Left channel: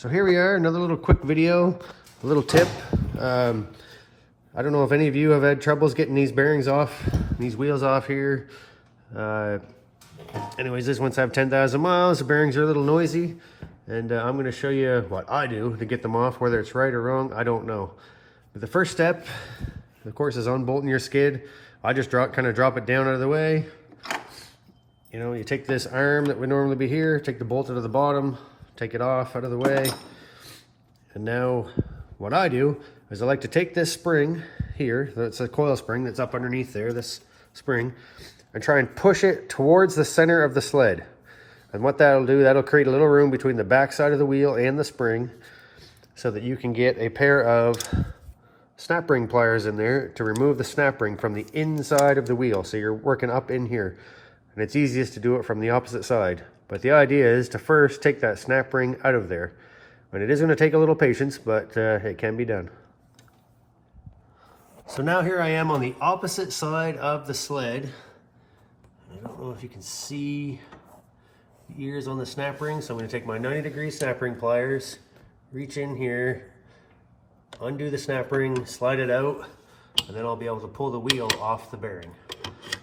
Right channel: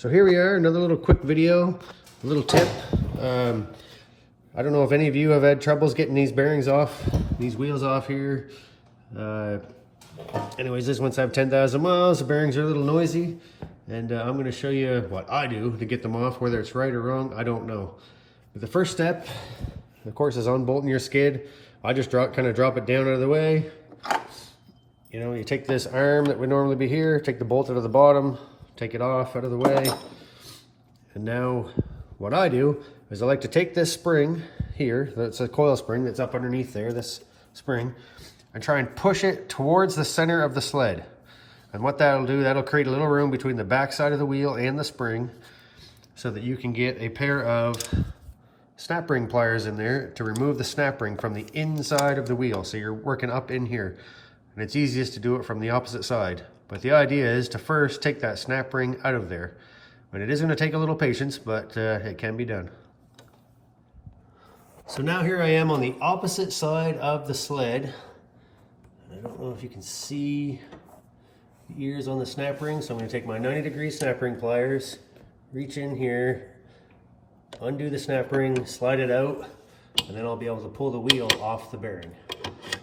So here we are, another little quick video, a little tip. I don't know if any of you have had troubles getting these bearings off, these wheels off here. Anyways, this one's have 10,000 miles, the bearings are a little noisy, and I'm gonna show you what I do to get them off. Whether it's right or wrong, I don't know. But the first step, of course, is unbolting your skid. I just kind of drop it down out of the way. You know, you take this arm that would normally be here, take the bolt out of the bottom, take it off out of the way. And now what I do is I like to take this spring here, that's a coil spring that's up underneath there, this spring, and try and push it towards the center of the sled. And what that'll do, that'll create a little room between the back side of the wheel and the spring so that you can get a pair of snap ring pliers in there to remove the snap ring from the inside of the wheel. So you're working up in here. And it's easiest to do it from the opposite side. But the idea is to first take that snap ring out of there. And it is going to take a little patience, but it can be done. So now here I am on the opposite side of the sled. I don't know if you can see the ears on the snap ring, so I'm going to take my 90-degree snap ring pliers, reach in here, undo the snap ring, slide it out, and then I'll be able to pull the wheel off the bearing.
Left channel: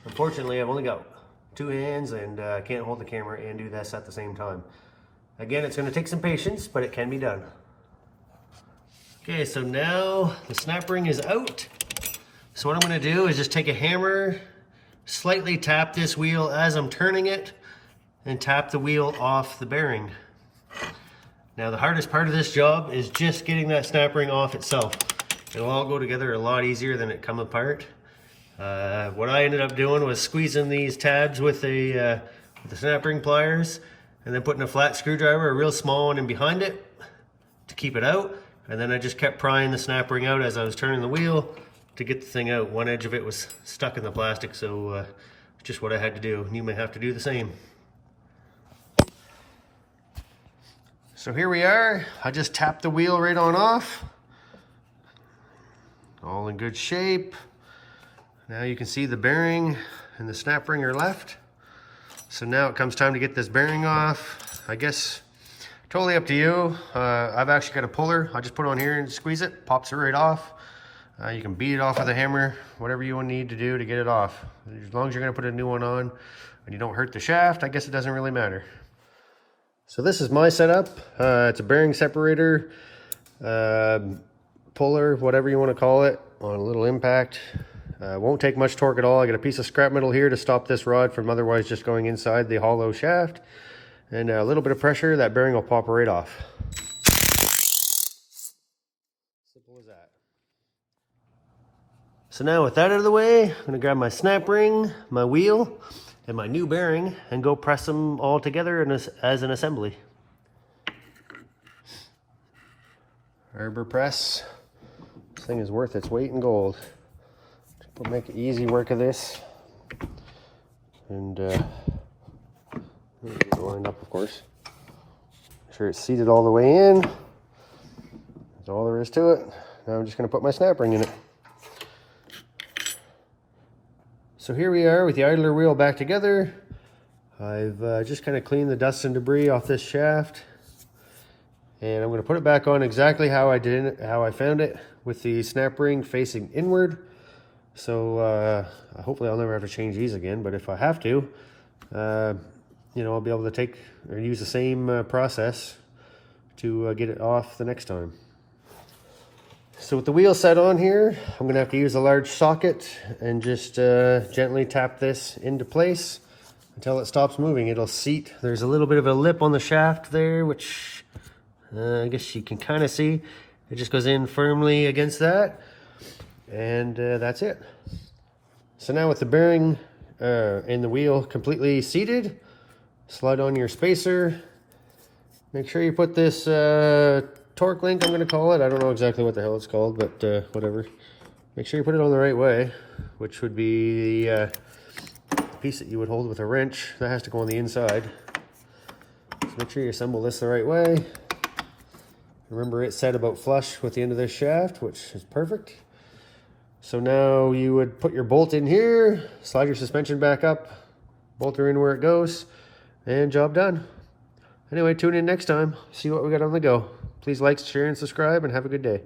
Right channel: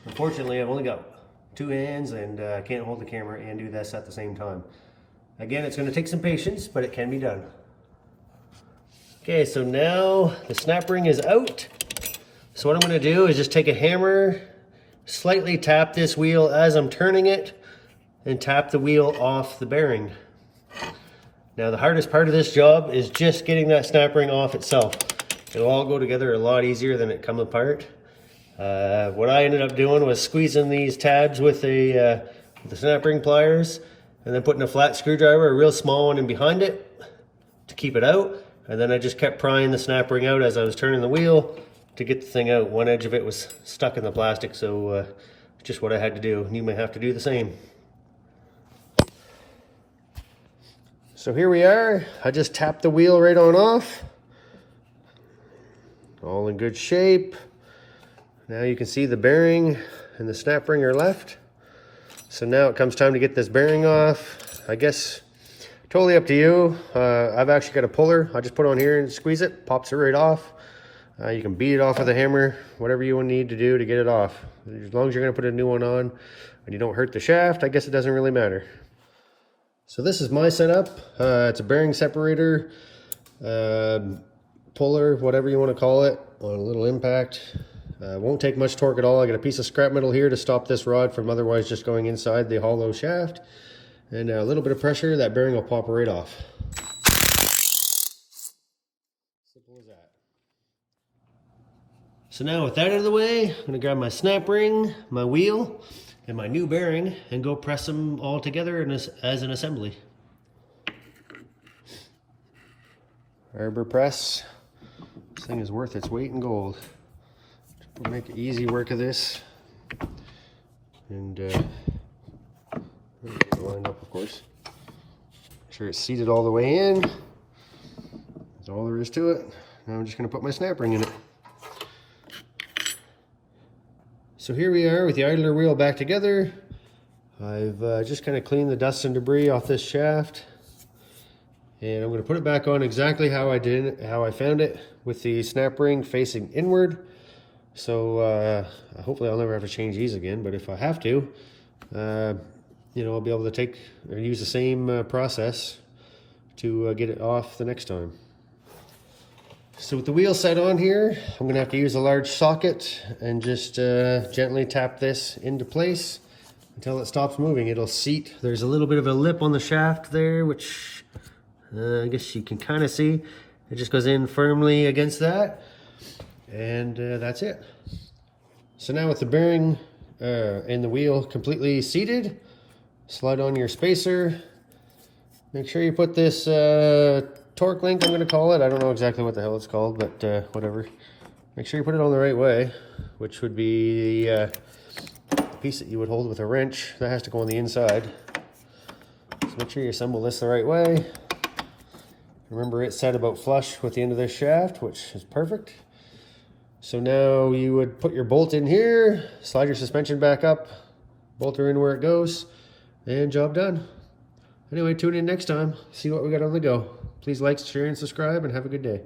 Unfortunately, I've only got two hands and I can't hold the camera and do this at the same time. Again, it's going to take some patience, but it can be done. Okay, so now the snap ring is out. So what I'm going to do is just take a hammer, slightly tap this wheel as I'm turning it, and tap the wheel off the bearing. Now the hardest part of this job is just getting that snap ring off itself. It'll all go together a lot easier than it come apart. What I ended up doing was squeezing these tabs with the snap ring pliers and then putting a flat screwdriver, a real small one, in behind it to keep it out. And then I just kept prying the snap ring out as I was turning the wheel to get the thing out. One edge of it was stuck in the plastic, so just what I had to do. You may have to do the same. So here we are. I just tapped the wheel right on off. All in good shape. Now you can see the bearing and the snap ring are left. So now it comes time to get this bearing off. I guess totally up to you. I've actually got a puller. I just put it on here and squeeze it, pops it right off. You can beat it off with a hammer, whatever you need to do to get it off. As long as you're gonna put a new one on and you don't hurt the shaft, I guess it doesn't really matter. So this is my setup. It's a bearing separator, puller, whatever you want to call it, on a little impact. Won't take much torque at all. I got a piece of scrap metal here to stop this rod from otherwise just going inside the hollow shaft. And a little bit of pressure, that bearing will pop right off. Simple as that. So now with that out of the way, I'm gonna grab my snap ring, my wheel, and my new bearing and go press them all together as an assembly. Arbor press. This thing is worth its weight in gold. We'll make easy work of this. And lined up, of course. Make sure it's seated all the way in. That's all there is to it. Now I'm just going to put my snap ring in it. So here we are with the idler wheel back together. I've just kind of cleaned the dust and debris off this shaft. And I'm going to put it back on exactly how I did it, how I found it, with the snap ring facing inward. So hopefully I'll never have to change these again, but if I have to, you know, I'll be able to take or use the same process to get it off the next time. So with the wheel set on here, I'm going to have to use a large socket and just gently tap this into place until it stops moving. It'll seat. There's a little bit of a lip on the shaft there, which I guess you can kind of see. It just goes in firmly against that. And that's it. So now with the bearing and the wheel completely seated, slide on your spacer. Make sure you put this torque link, I'm going to call it. I don't know exactly what the hell it's called, but whatever. Make sure you put it on the right way, which would be the piece that you would hold with a wrench. That has to go on the inside. So make sure you assemble this the right way. Remember, it's set about flush with the end of this shaft, which is perfect. So now you would put your bolt in here, slide your suspension back up, bolt her in where it goes, and job done. Anyway, tune in next time, see what we got on the go. Please like, share, and subscribe, and have a good day.